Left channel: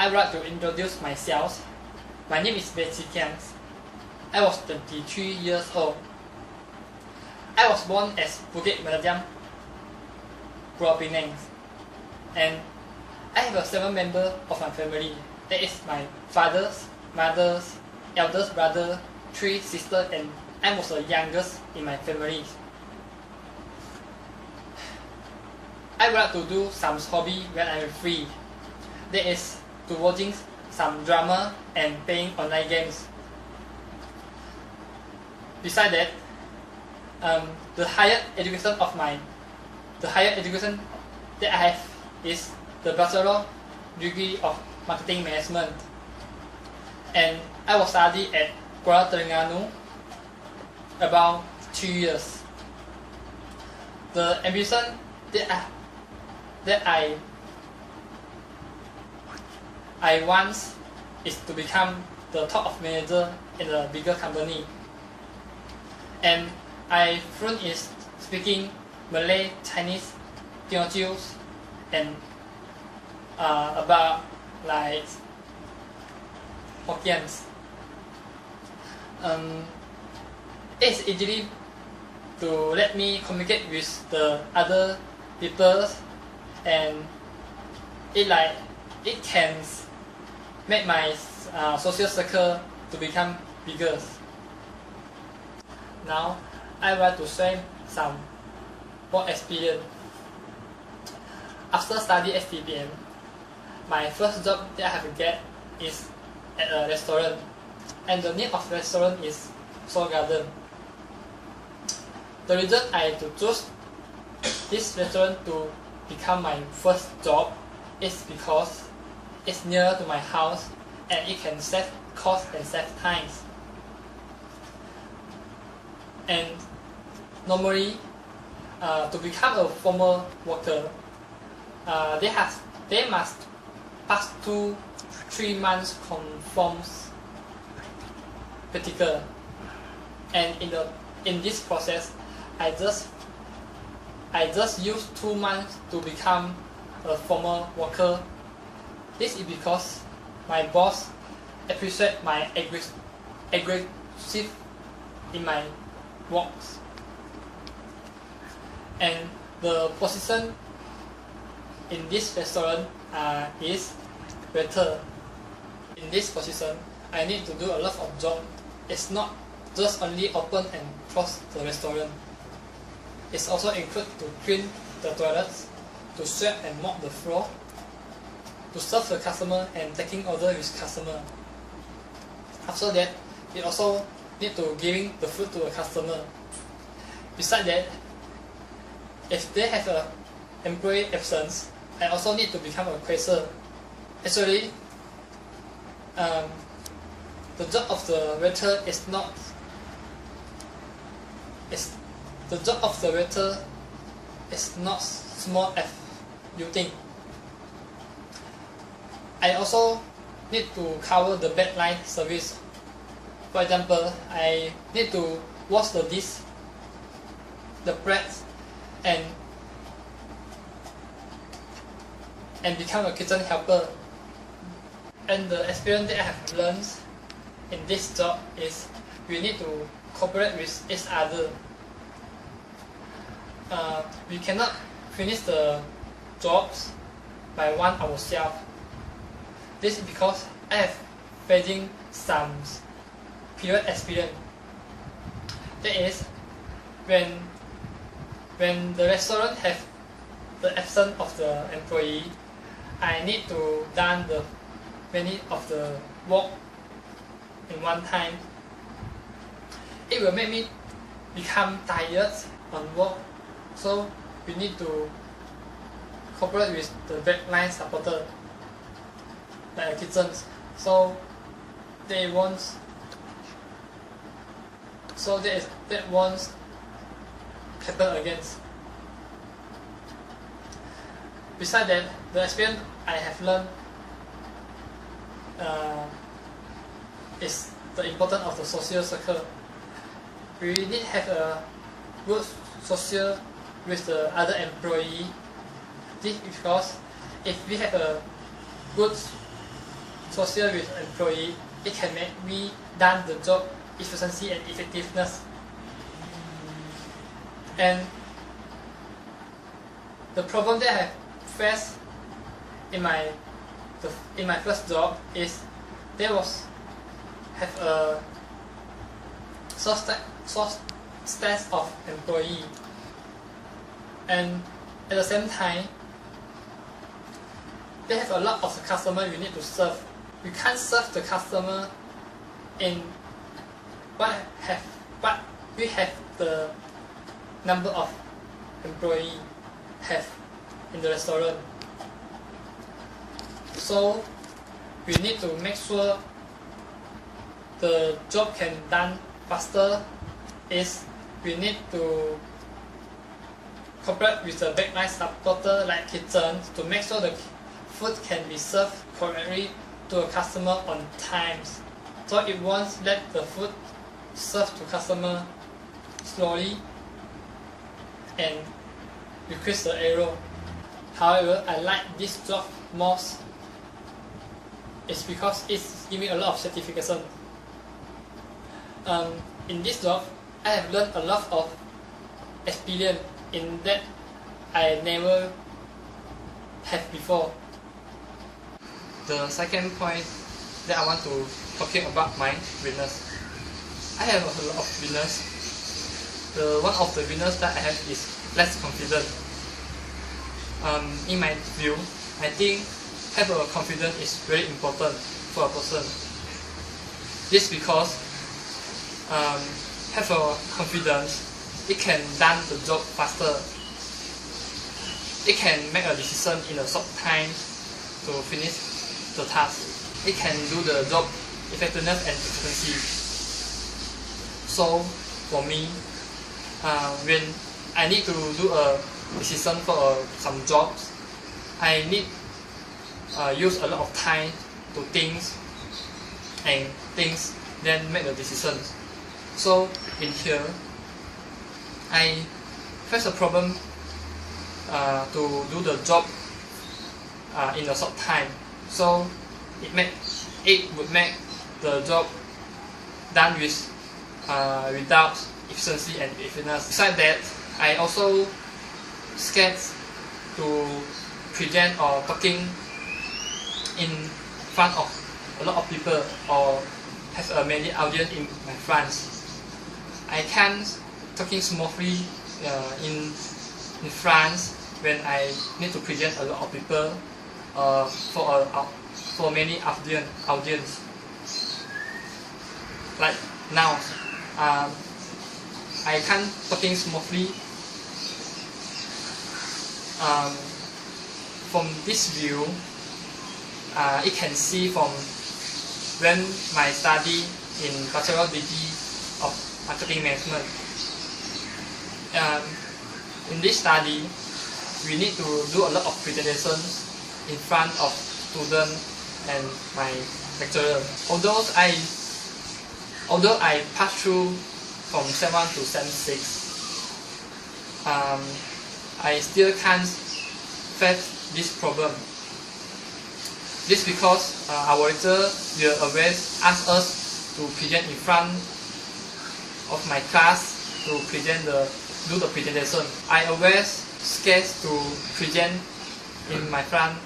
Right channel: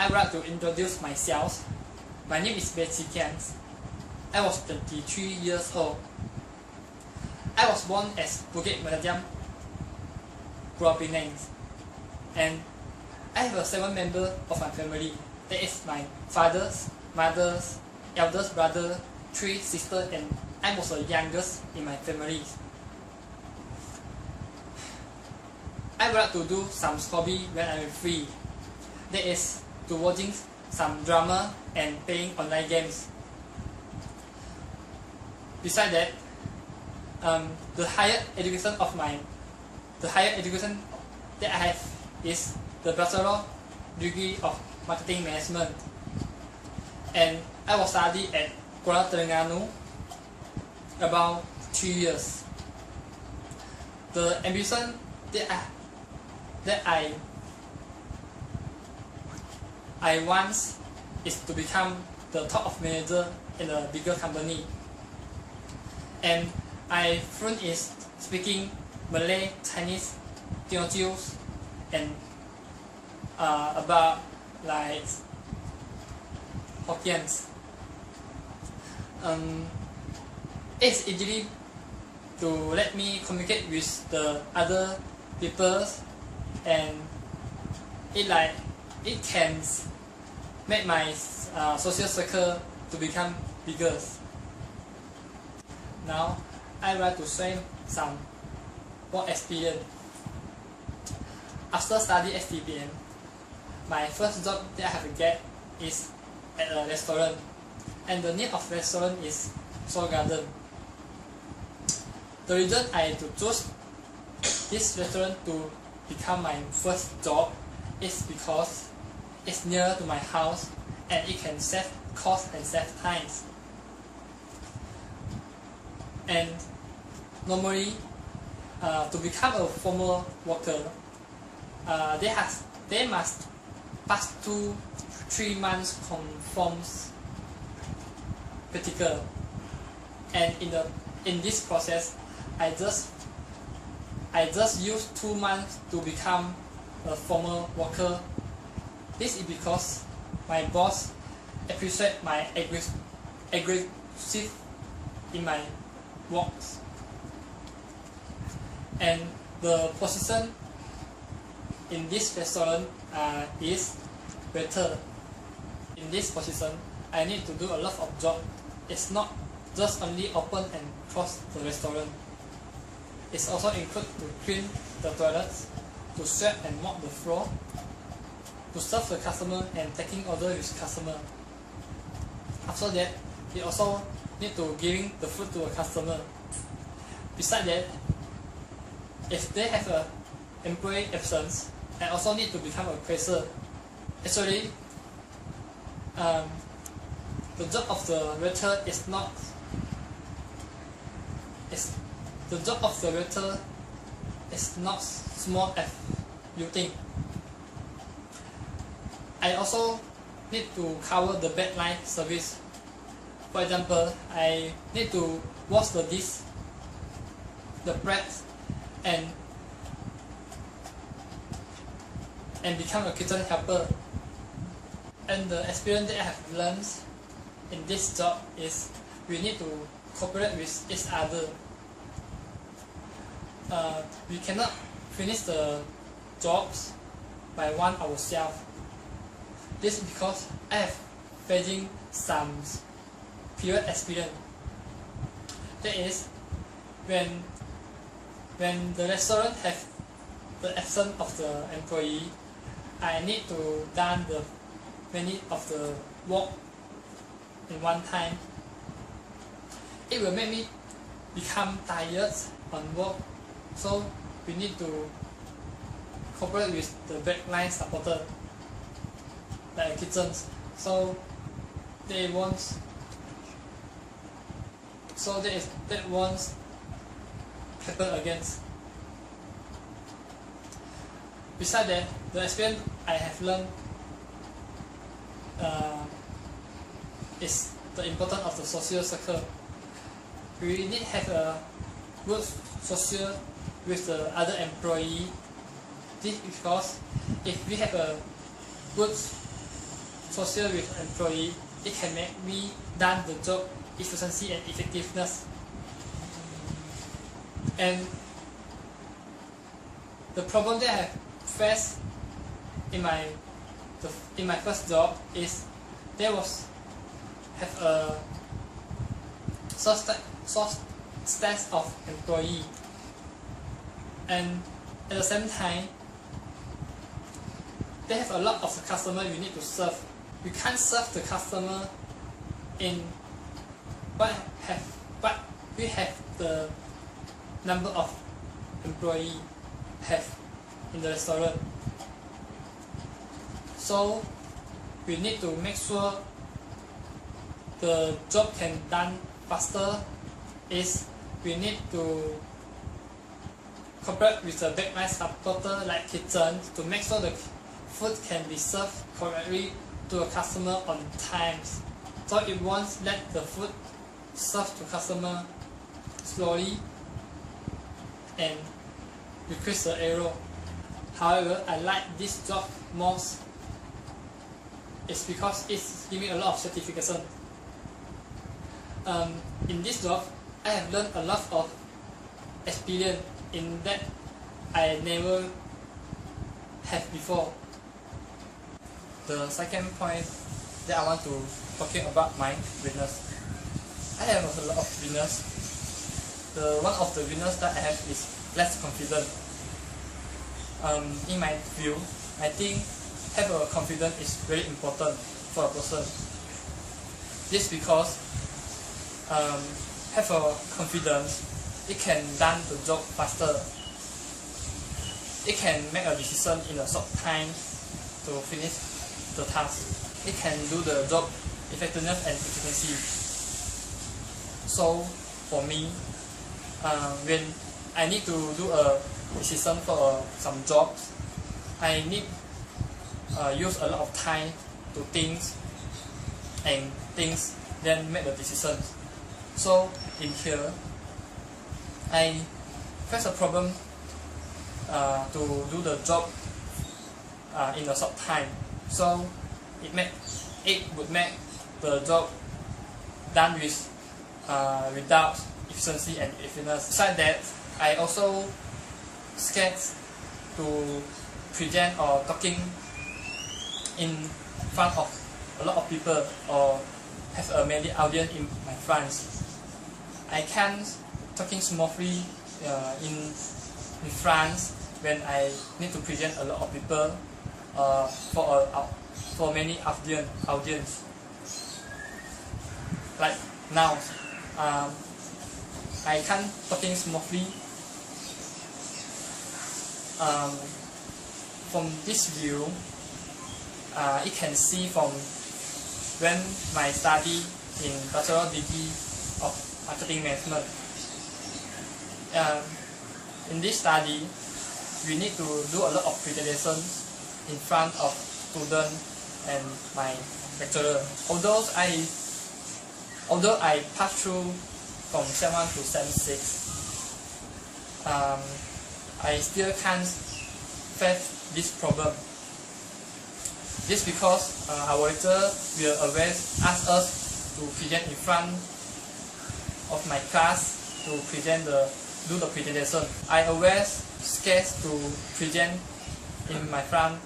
I would like to introduce myself. My name is Betsy Kian. I was 23 years old. I was born as Bukit Melajam, Pulau Pinang, and I have a 7 member of my family. That is my father's, mother's, eldest brother, 3 sisters, and I was the youngest in my family. I would like to do some hobby when I'm free. That is to watching some drama and playing online games. Besides that, the higher education that I have is the Bachelor degree of Marketing Management, and I was studying at Kuala Terengganu about 2 years. The ambition that I want is to become the top of manager in a bigger company, and I fluent in speaking Malay, Chinese, Teochew, and about like Hokkien's. It's easy to let me communicate with the other people, and it can make my social circle to become bigger. Now, I would like to share some work experience. After studying STPM, my first job that I have to get is at a restaurant, and the name of the restaurant is Soul Garden. The reason I had to choose this restaurant to become my first job is because it's near to my house and it can save cost and save time. And normally, to become a formal worker, they must pass 2-3 months conforms practical, and in this process, I just used 2 months to become a formal worker. This is because my boss appreciates my aggressive in my works, and the position in this restaurant is waiter. In this position, I need to do a lot of job. It's not just only open and close the restaurant. It's also include to clean the toilets, to sweep and mop the floor, to serve the customer and taking order with customer. After that, we also need to giving the food to the customer. Besides that, if they have a employee absence, I also need to become a cashier. Actually, the job of the waiter is not. The job of the waiter is not small as you think. I also need to cover the backline service. For example, I need to wash the dish, the bread, and become a kitchen helper. And the experience that I have learned in this job is we need to cooperate with each other. We cannot finish the jobs by one ourselves. This is because I have facing some period experience. That is, when the restaurant have the absence of the employee, I need to done the many of the work in one time. It will make me become tired on work, so we need to cooperate with the backline supporter, like kitchens, so they won't. So that won't happen again. Besides that, the experience I have learned is the importance of the social circle. We need to have a good social with the other employee. This is because if we have a good social with employee, it can make me done the job efficiency and effectiveness. And the problem that I faced in my first job is there was have a short staff of employee, and at the same time they have a lot of the customer you need to serve. You can't serve the customer in what we have the number of employee have in the restaurant. So we need to make sure the job can done faster. Is we need to cooperate with the backline supporter like kitchen to make sure the food can be served correctly to a customer on times, so it won't let the food served to customer slowly and decrease the error. However, I like this job most. It's because it's giving a lot of certification. In this job, I have learned a lot of experience in that I never have before. The second point that I want to talking about my weakness. I have a lot of weakness. One of the weakness that I have is less confident. In my view, I think have a confidence is very important for a person. This because have a confidence, it can done the job faster. It can make a decision in a short time to finish the task. It can do the job effectiveness and efficiency. So for me, when I need to do a decision for some jobs, I need use a lot of time to think then make the decisions. So in here, I face a problem to do the job in a short time. So it would make the job done without efficiency and effectiveness. Besides that, I also scared to present or talking in front of a lot of people or have a many audience in my France. I can't talking smoothly in France when I need to present a lot of people for many audience. Like now, I can't talking smoothly. From this view, it can see from when my study in bachelor degree of marketing management. In this study, we need to do a lot of presentations in front of students and my lecturer. Although I passed through from Sem 1 to Sem 6, I still can't face this problem. This because our lecturer will always ask us to present in front of my class to do the presentation. I always scared to present in my front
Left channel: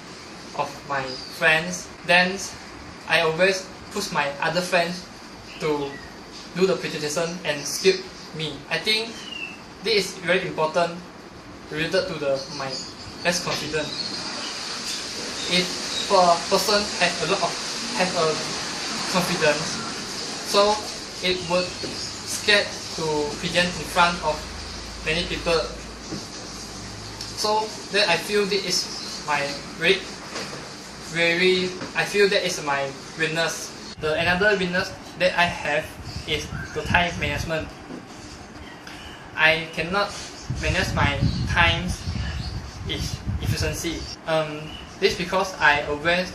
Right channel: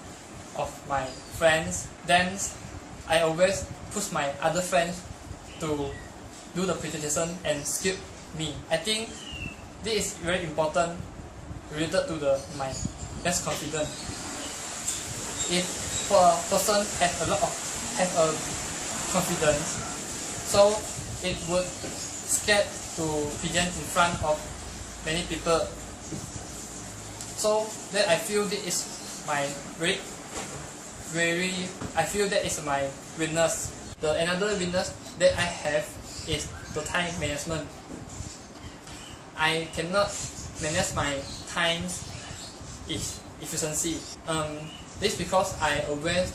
of my friends. Then I always push my other friends to do the presentation and skip me. I think this is very important related to my less confidence. If for a person have a confidence, so it would scared to present in front of many people. So that I feel this is my I feel that is my weakness. Another weakness that I have is the time management. I cannot manage my time efficiency. This because I always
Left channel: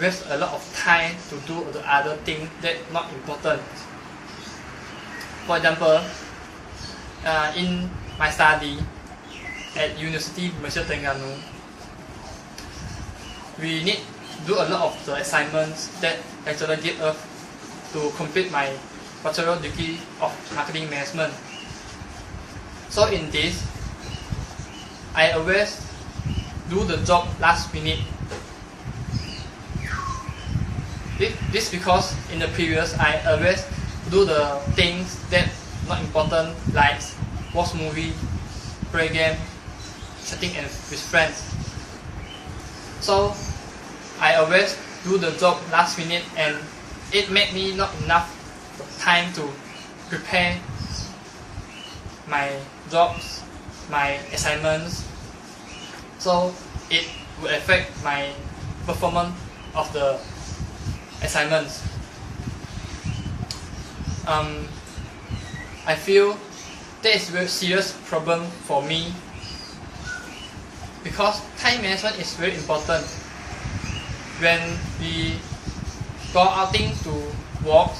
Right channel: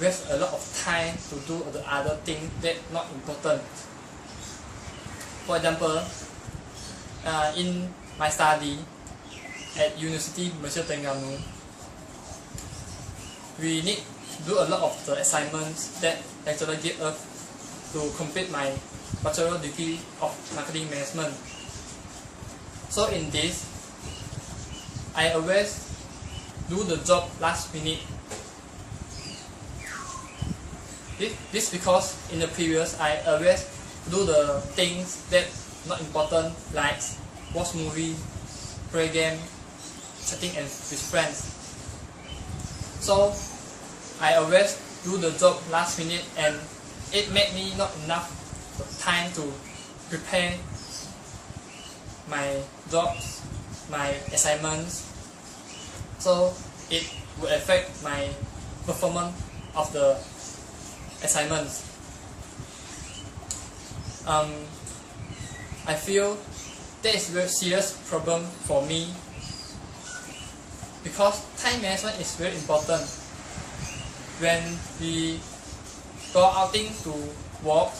waste a lot of time to do the other thing that not important. For example, in my study at University Malaysia Terengganu, we need do a lot of the assignments that lecturer give us to complete my bachelor degree of marketing management. So in this, I always do the job last minute. This because in the previous I always do the things that not important, like watch movie, play game, chatting and with friends. So I always do the job last minute, and it made me not enough time to prepare my jobs, my assignments. So it will affect my performance of the assignments. I feel that is a very serious problem for me, because time management is very important. When we go outing to work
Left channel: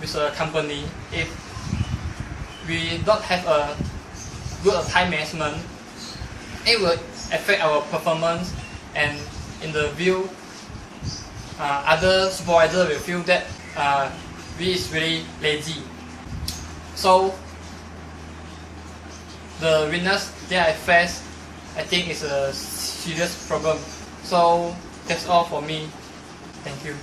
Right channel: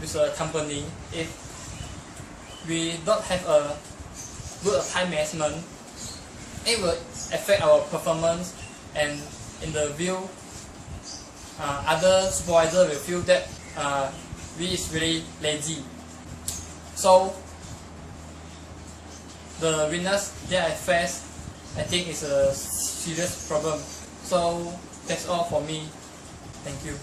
with a company, if we don't have a good time management, it will affect our performance, and in the view, other supervisor will feel that we is really lazy. So the weakness that I face, I think is a serious problem. So that's all for me. Thank you.